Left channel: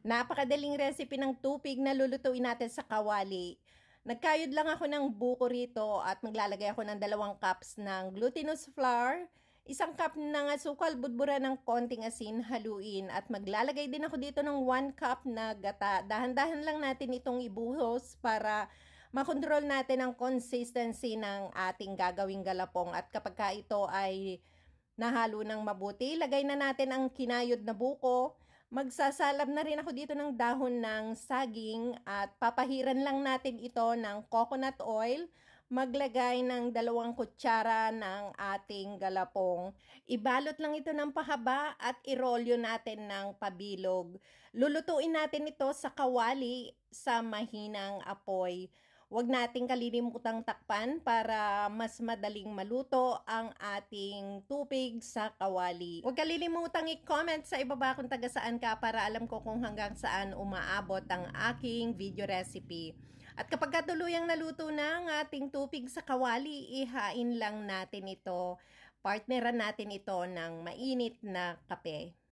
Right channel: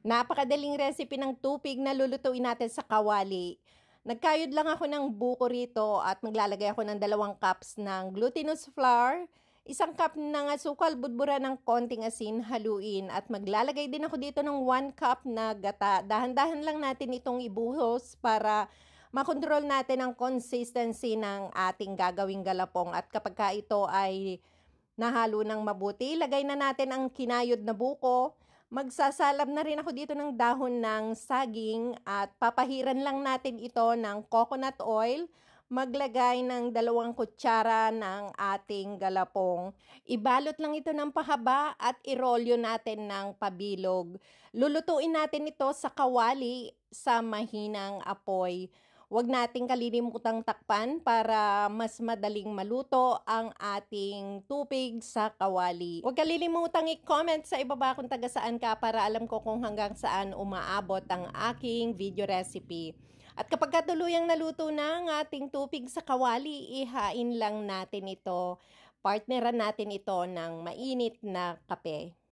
Napakadaling recipe ng tupig na lulutuin natin sa kawali. Nagkayod lang ako ng buko rito at maglalagay ako ng 2 cups ng glutinous flour, 1 cup ng asukal, budbura ng konting asin, haluin at maglalagay din ako dito ng 1 cup na gata. Dahan-dahan lang natin itong ibuhos para makontrol natin ang consistency ng ating gagawing galapong at kapag ka ito ay nahalo ng mabuti, lagay na natin ang kinayod na buko. Magsasalab na rin ako dito ng dahon ng saging at papahiran lang natin ito ng coconut oil. Maglagay ng 2 kutsara ng ating galapong. Ibalot lang ito ng pahaba at irolyo natin ng pabilog. Lulutuin natin ito sa kawali sa mahinang apoy. Huwag nating kalilimutang takpan para mas madaling maluto ang ating tupig sa kawali. Huwag kalilimutang i-comment sa ibaba kung taga saan ka para alam ko kung hanggang saan umaabot ang aking video recipe. At kapag katuluyang naluto na ang ating tupig sa kawali, ihain lang natin ito. Partneran natin ito ng mainit na kape.